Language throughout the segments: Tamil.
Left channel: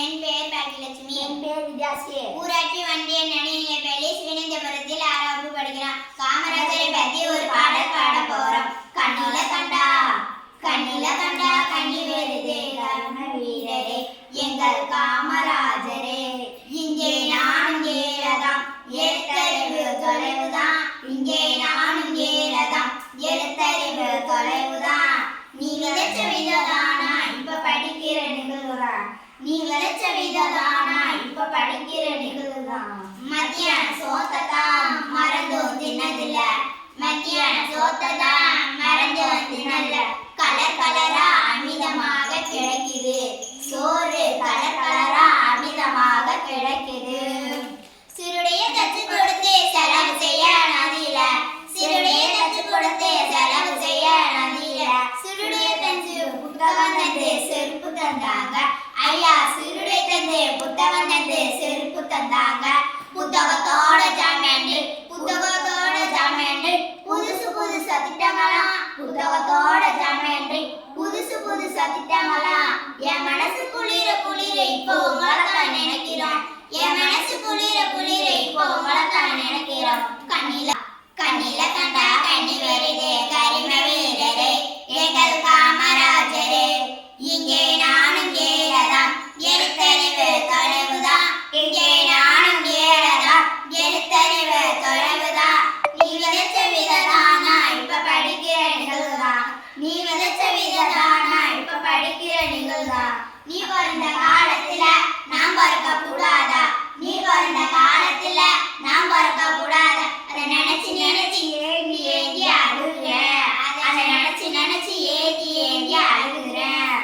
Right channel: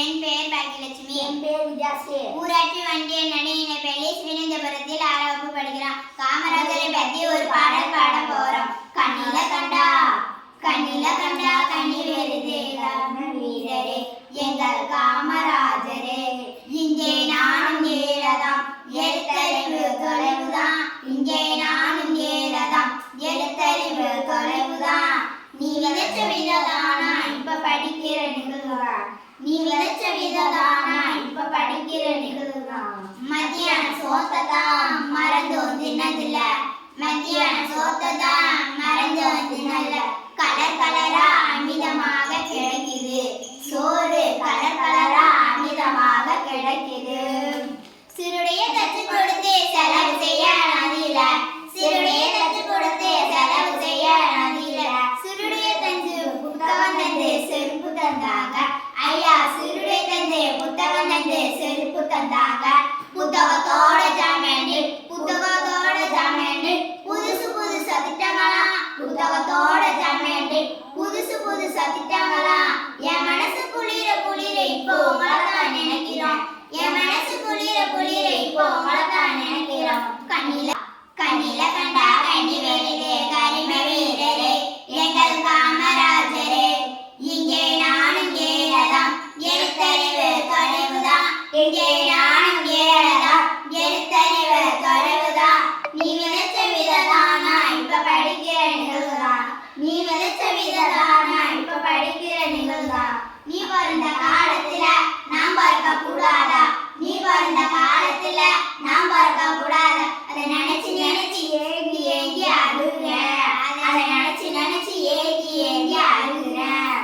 என் பெயர் பாக்கியலட்சுமி. என் பேர் விஜயாஸ்ரீ. ஊராட்சி ஒன்றிய நடுநிலைப்பள்ளி ஸ்ரீநந்தபுரத்தில் 6ஆம் வகுப்பு படிக்கிறோம். காமராஜரை பற்றி ஒரு பாடல் பாட போறோம். கண்ணில கண்டா கண்ணி வருதே கர்ம வீரரே எங்கள் காமராஜரே. இங்கே நானும் ஏழதாம் எழுத்தறிவு தொலைவுதான். இங்கே நானும் ஏழதாம் எழுத்தறிவு தொலைவுதான். நீ விளைச்ச விததானா இப்ப படிக்கிற நிகழ்வுதான். நீ விளைச்ச விததானா இப்ப படிக்கிற நிகழ்வுதான். மத்தியான சோத்ததான் மறந்தும் தின்னதில்ல. மத்தியான சோத்ததான் மறந்தும் தின்னல்ல. கலர் கலரா அமிதமாக கிடைக்குது சோறு. கலர் கலரா அமிதமாக கிடைக்குது. சிறுடைய தச்சு கொடுத்து செலவு செய்ய நதியில. சிறுடைய தச்சு கொடுத்து செலவு செய்ய நதியில. சிறுடைய தஞ்சு புத்தகம் தந்து செருப்பு தந்தாங்க. ஐயா சிறுடைய தந்து புத்தகம் தந்து செருப்பு தந்தாங்க. புத்தகத்தோட ஜாமேண்டு புத்தகத்தோட ஜாமேண்டு புதுசு புதுசு திட்டங்களாம். புத்தகத்தோட ஜாமேண்டு புதுசு புதுசு திட்டங்களாம். என் மனசு குளிர குளிர இப்போ உங்களைத்தான் நினைக்கிறோம். என் மனசு குளிர குளிர இப்போ உங்களைத்தான் நினைக்கிறோம். கண்ணில கண்டா கண்ணி வருதே கரிம வீரரே எங்கள் காமராஜரே. இங்கே நானும் ஏழதாம் எழுத்தறிவு தொலைவுதான். இங்கே நானும் ஏழதாம் எழுத்தறிவு தொலைவுதான். நீ விளைச்ச விததானா இப்ப படிக்கிற நிகழ்வுதான். நீ விளைச்ச விததானா இப்ப படிக்கிற நிகழ்வுதான். நீ பிறந்த காலத்துல நாம் பிறக்க கூடாதா? நீ பிறந்த காலத்துல நாம் பிறக்க கூடாதா? அதை நினைச்சு நினைச்சு ஏங்கி ஏங்கி அழுகிறேன். அதை நினைச்சு நினைச்சு ஏங்கி ஏங்கி அழுகிறேன்.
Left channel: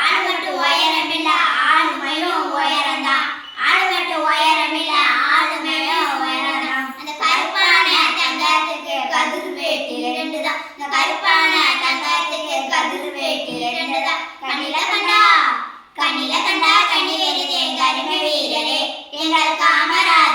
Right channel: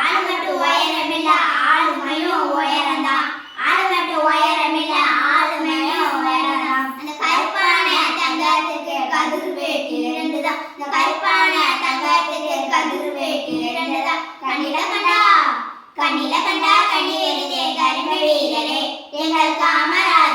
ஆளு மட்டும் உயரமில்ல ஆளுமையும் உயரம்தான். ஆளு மட்டும் உயரமில்ல ஆளுமையும் உயரம்தான். அந்த கருப்பான தங்கத்துக்கு கதிர் வேட்டி 2 தான். இந்த கருப்பான தங்கத்துக்கு கதிர் வேட்டி 2 தான். கண்ணில கண்டா கண்ணி வருதே கரிம வீரரே எங்கள் காமராஜரே.